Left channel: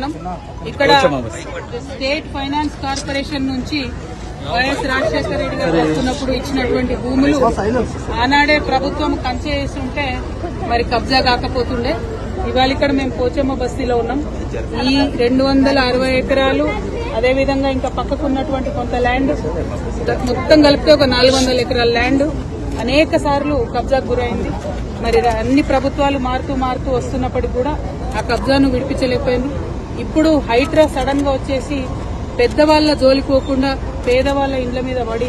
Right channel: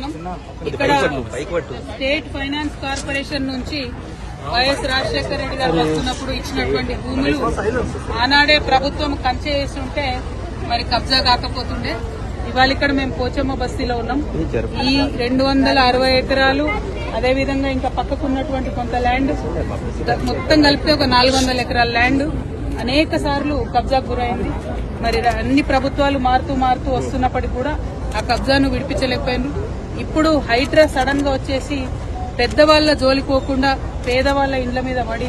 మనం ఇక్కడ state finance corporation నుంచి వైఎస్ రాజశేఖర రెడ్డి గారు వస్తున్నప్పుడు ఇచ్చినటువంటి భూములు ఆనాడే ప్రభుత్వం కంచె చేస్తుంటే మరి కబ్జా కాకపోతుండే. ఇవాళ ఇక్కడ మేము పోచమ్మ బస్తీలో ఉన్నాం. ఈ 260 ఎకరాలు అదేవిధంగా ఇంకా పక్కకున్నటువంటి కొంత ల్యాండ్ మొత్తం కలిపితే ఒక 400 ఎకరాల ల్యాండ్ అనేక సార్లు కబ్జాకు గురైంది. మరి అన్ని ప్రభుత్వాలు మారుతూ వస్తున్నప్పటికీ కూడా ఆ కబ్జాను విడిపించలేకపోయినారు. ఇప్పుడు హైడ్రా సడన్ గా వచ్చేసి పెద్దవాళ్ల జోలికోకుండా పేదవాళ్ల ఇండ్ల మీద పడి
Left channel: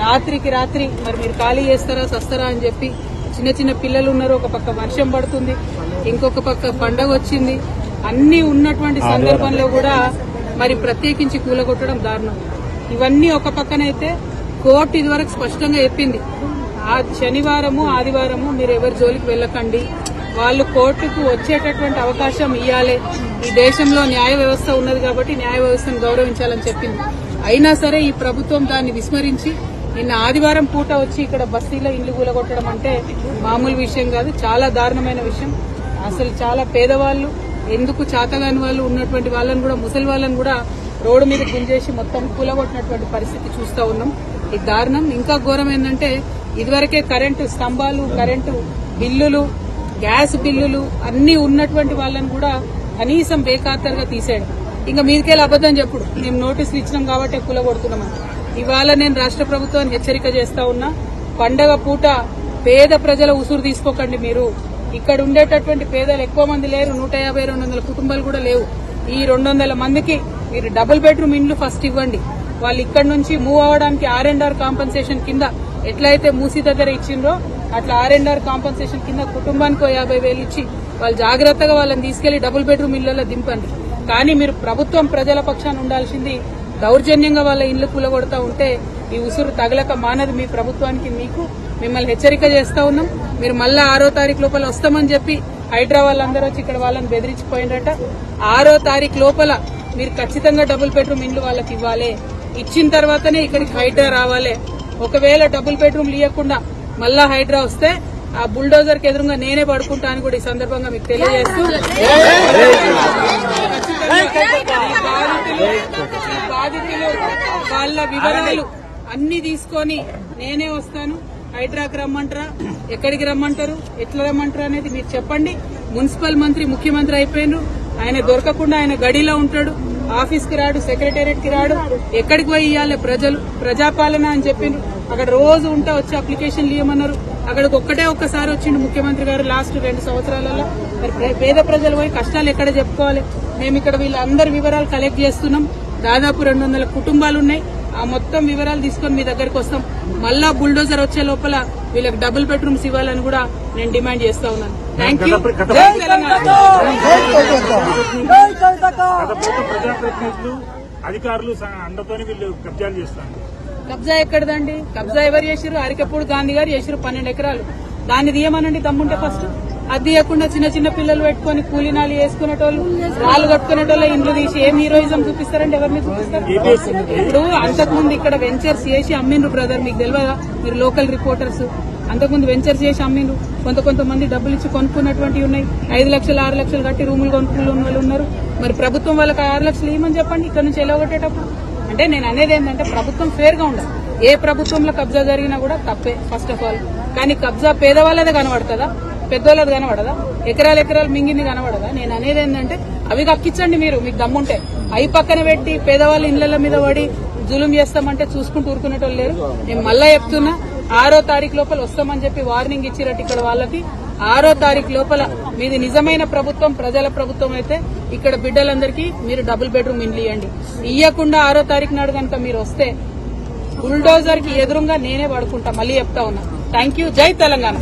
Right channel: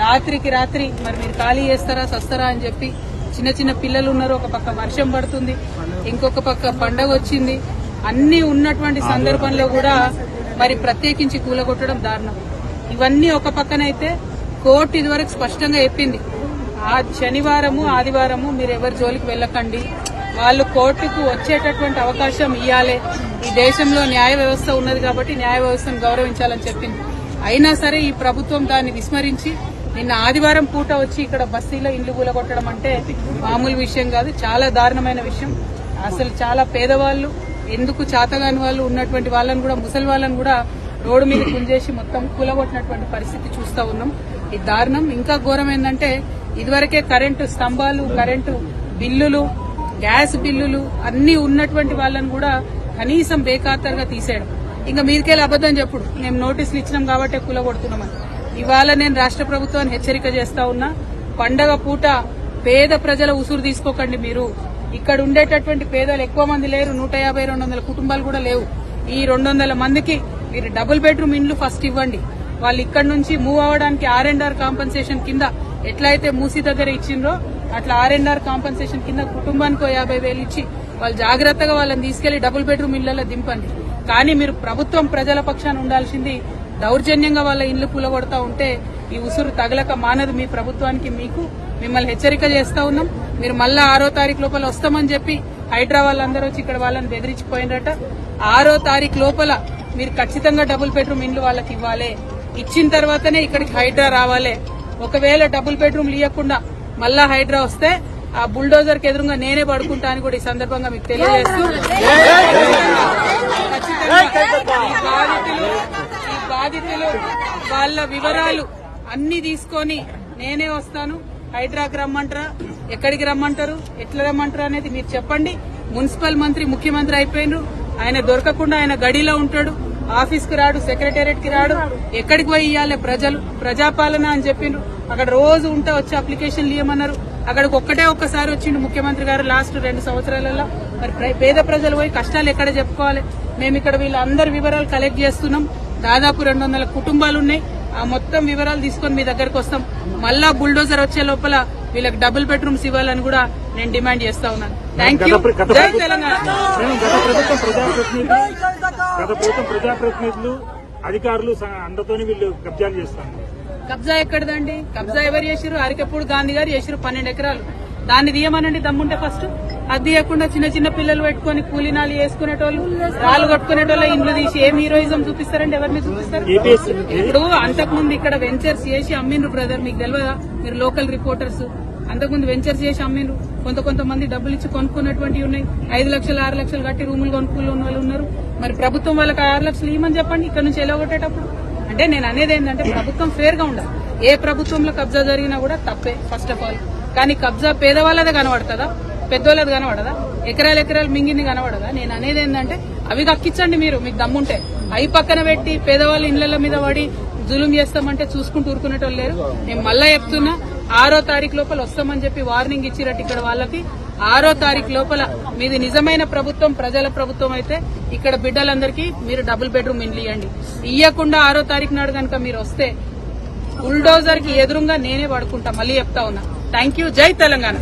రాత్రికి రాత్రి మరి మీరు ఖాళీ చేస్తారా సస్తారా అని చెప్పి చిన్న పిల్లలు ఉన్నారు. ఒక పక్క వర్షం పడుతుంది, ఇంకొక పక్క పండగ వచ్చింది. అన్ని ఉన్నటువంటి సందర్భంలో కూడా మరి ప్రత్యేకించి కూలగొట్టడం దారుణం. ఇవన్నీ ఒక పక్కనైతే కోర్టు ఇదివరకు స్పష్టంగా చెప్పింది, ఆ శనివారము ఆదివారము మీరు ఎవరి జోలికి వెళ్లకండి, వాళ్ళు కోర్టుకు వచ్చేటటువంటి అవకాశం ఇవ్వాలి. ఈ దేశంలో న్యాయ వ్యవస్థ ఉన్నది కాబట్టి న్యాయ వ్యవస్థను గౌరవించాలని చెప్పింది. అయినా సరే ఈ ప్రభుత్వం దాన్ని విస్మరించి నిన్న ఆదివారం పూట వచ్చి ఇక్కడ బస్తీలో ఇండ్లు కూలగొట్టడం అంటే మామూలు విషయం కాదు, చాలా దారుణమైన విషయం. అసలు చాలా పేదవాళ్లు, ఎందుకు చాతగాని వాళ్ళు ఉన్నటువంటి వాళ్ళని కూడా, ముసలి వాళ్ళని కూడా రోడ్డు మీద గుంజేసి మొత్తం కూలగొట్టినటువంటి పరిస్థితి చూస్తా ఉన్నాం. ఇది దారుణం. ఇంకా ఘోరం ఏంటంటే ఇదివరకే కరెంటు స్తంభాలు, కరెంటు బిల్లులు, గ్యాస్ బిల్లులు అన్ని ఉన్నటువంటి వాళ్ళని కూడా కనీసం బేఖాతరుగా తీసేయడం. ఇంకా మీదికెళ్ళి అబద్దం చెప్పుడు మేము నోటీసులు ఇచ్చినాం కాబట్టి కూలగొడుతున్నామని. ఇవాళ నేను రాష్ట్ర ప్రభుత్వాన్ని హెచ్చరిక చేస్తా ఉన్నా, పండగ పూట పేద ప్రజల ఉసురు తీసుకోకండి. మీరు ఇక్కడ ఉండేటటువంటి పేదలు ఎక్కువ మంది లేరు, 150-200 కుటుంబాలు కూడా లేవు. ఈ 200 మందికి మీరు డబుల్ బెడ్రూమ్ ఇండ్లు ఫస్ట్ ఇవ్వండి. వాళ్ళు ఇక్కడ నుంచి మూవ్ అవ్వడానికి R&R కాంపెన్సేషన్ కింద ఎట్లయితే మూసీ దగ్గర ఇచ్చిండ్రో అట్లా R&R కాంపెన్సేషన్ కింద కుటుంబానికి 50,000 ఇచ్చి వాళ్ళు జాగ్రత్తగా వాళ్ళని తీసుకెళ్లి డబుల్ బెడ్రూమ్ ఇళ్లలో దింపండి. కానీ మీరు ప్రభుత్వం ప్రజల పక్షాన ఉండాల్సింది. దౌర్జన్యంగా వాళ్ళ ఇండ్లు కూలగొడతా ఉంటే ఈ ఉసురు తగలక మానదు మీ ప్రభుత్వానికి. మిమ్మల్ని హెచ్చరిక చేస్తా ఉన్నాం. మీరు మళ్ళా 6వ తారీఖు లోపల వస్తామని చెప్పి హైడ్రా వాళ్ళందరూ వచ్చి ఇక్కడ వాళ్ళని బెదిరించిపోయినట. 6వ తారీఖు లోపల మీరు ఖచ్చితంగా డబుల్ బెడ్రూమ్ ఇండ్లు వాళ్ళకి ఇవ్వాలి. ఇచ్చిన తర్వాతనే ఇక్కడికి హైడ్రా రావాలి. ఒకవేళ డబుల్ బెడ్రూమ్లు ఇవ్వకుండా మళ్ళా హైడ్రా వస్తే ఆ బుల్డోజర్ కి ఎదురుగా నేనే పడుకుంటా అని కూడా ఈ సందర్భంగా మీకు తెలియజేస్తూ, ఈ బాధితులు వాళ్ళ వివరాలు అన్ని తీసుకొని నేనే వస్తాను. హైడ్రాకి రమ్మంటారా, ఎక్కడికి రమ్మంటారు, ఎట్లా రమ్మంటారు అనేది మీరు చెప్పండి. మున్సిపల్ మంత్రి ముఖ్యమంత్రి అయిపోయినారు, ఆయన దొరకకుండా ఆయన గడిలో ఉంటాడు, ఆఫీస్ కి రాడు, సెక్రటేరియట్ కి రాడు. ఎక్కడికి పోయి ఇవ్వాలి ప్రజలు, ప్రజాపాలన అని చెప్పిండ్రు. అక్కడ రోజు ఉంటే వచ్చి అప్లికేషన్లు ఇవ్వమన్నారు. అక్కడికి ఒక్కసారి వచ్చిండు ముఖ్యమంత్రి గారు లాస్ట్ 2 సంవత్సరాలలో. మరి పేద ప్రజలు పోయి కష్టాలు ఎక్కడ చెప్పుకోవాలి? మేము ఇక్కడ వీళ్ళందరి వివరాలు కలెక్ట్ చేస్తున్నాం. దాదాపు 200 కుటుంబాలు ఉన్నాయి. ఆ మొత్తం వివరాలు తీసుకొని మీ దగ్గరకు వస్తాం. మళ్ళా బుల్డోజర్ వచ్చే లోపల వీళ్ళకి డబుల్ బెడ్రూమ్స్ ఇవ్వాలని కూడా నేను డిమాండ్ చేస్తా ఉన్నాను. Thank you. జై తెలంగాణ. కబ్జా ఎక్కడదండి? కబ్జా ఎవరు చేసిరు? అరికపూడి గాంధీ గారు చేసిరు 12 ఎకరాలు. దాన్ని తీయమనండి దమ్ముంటే ఫస్ట్. అది తీయకుండా చిన్న పిల్లలు పెట్టుకుని కూలీనాలు వేసుకునేటోళ్ళు, రాళ్ళు కట్టుకునేటోళ్ళ ఇండ్లు తీసి ఏం హీరోయిజం చూపిస్తారండి? ఎవరిని చూపిస్తారు? ఇప్పుడు అంతకుముందు ఇక్కడ వెంచర్స్ చేసి అమ్మిండ్రు బ్రదర్, మీకు తెలియదా? మీరు లోకల్ రిపోర్టర్స్. అంతకుముందు వెంచర్స్ చేసి అమ్మిండ్రు. కొంతమంది డబ్బులు ఇచ్చి కొనుక్కున్నటువంటివి ఉన్నాయి. 5 లక్షలు 6 లక్షలు కట్టి రూములు కొనుక్కున్న వాళ్ళు ఉన్నారు. మరి ప్రభుత్వం వాళ్ళకి 6 లక్షలు ఇవ్వమని చెప్పండి ఇక్కడ నుంచి ఎలాగొట్టేటప్పుడు. అంటే నేను అనేది ఏంటంటే ప్రభుత్వం ఫేర్ గా ఉండాలి. ఏ ప్రభుత్వంలో కబ్జా జరిగినా కూడా తప్పే ఫస్ట్ ఆఫ్ ఆల్. కానీ కబ్జా పేదవాళ్ళదే కనబడుతుందా, పెద్దోళ్ళది కనబడదా? ఎకరాలు మింగింది కనబడదా? నేను అనేది ఏంటంటే అవి కక్కించండి మీరు, మీకు దమ్ముంటే. అవి పక్కన పెట్టి పేదవాళ్ళ ఇళ్ల మీద పడి జులుం చేస్తామంటే చూసుకుంటూ ఊరుకునేటోళ్ళు లేరు. నేను మళ్ళా చెప్తున్నా, 6వ తారీఖు లోపల వస్తామని చెప్పి వార్నింగ్ ఇచ్చిరట్టు ఇక్కడ వాళ్ళకి. 6వ తారీఖు లోపల మీది నిజమైన ప్రభుత్వం, ప్రజల ప్రభుత్వం అయితే ఇక్కడ బిడ్డలందరికీ మీరు డబుల్ బెడ్రూమ్ ఇండ్లు ఇవ్వండి. ఇవ్వకుండా 6వ తారీఖు నాడు కనుక మీరు వస్తే బుల్డోజర్ కి ఎదురుగా నేనే పడుకుంటా. మళ్ళీ చెప్తా ఉన్నా. Thank you. జై తెలంగాణ.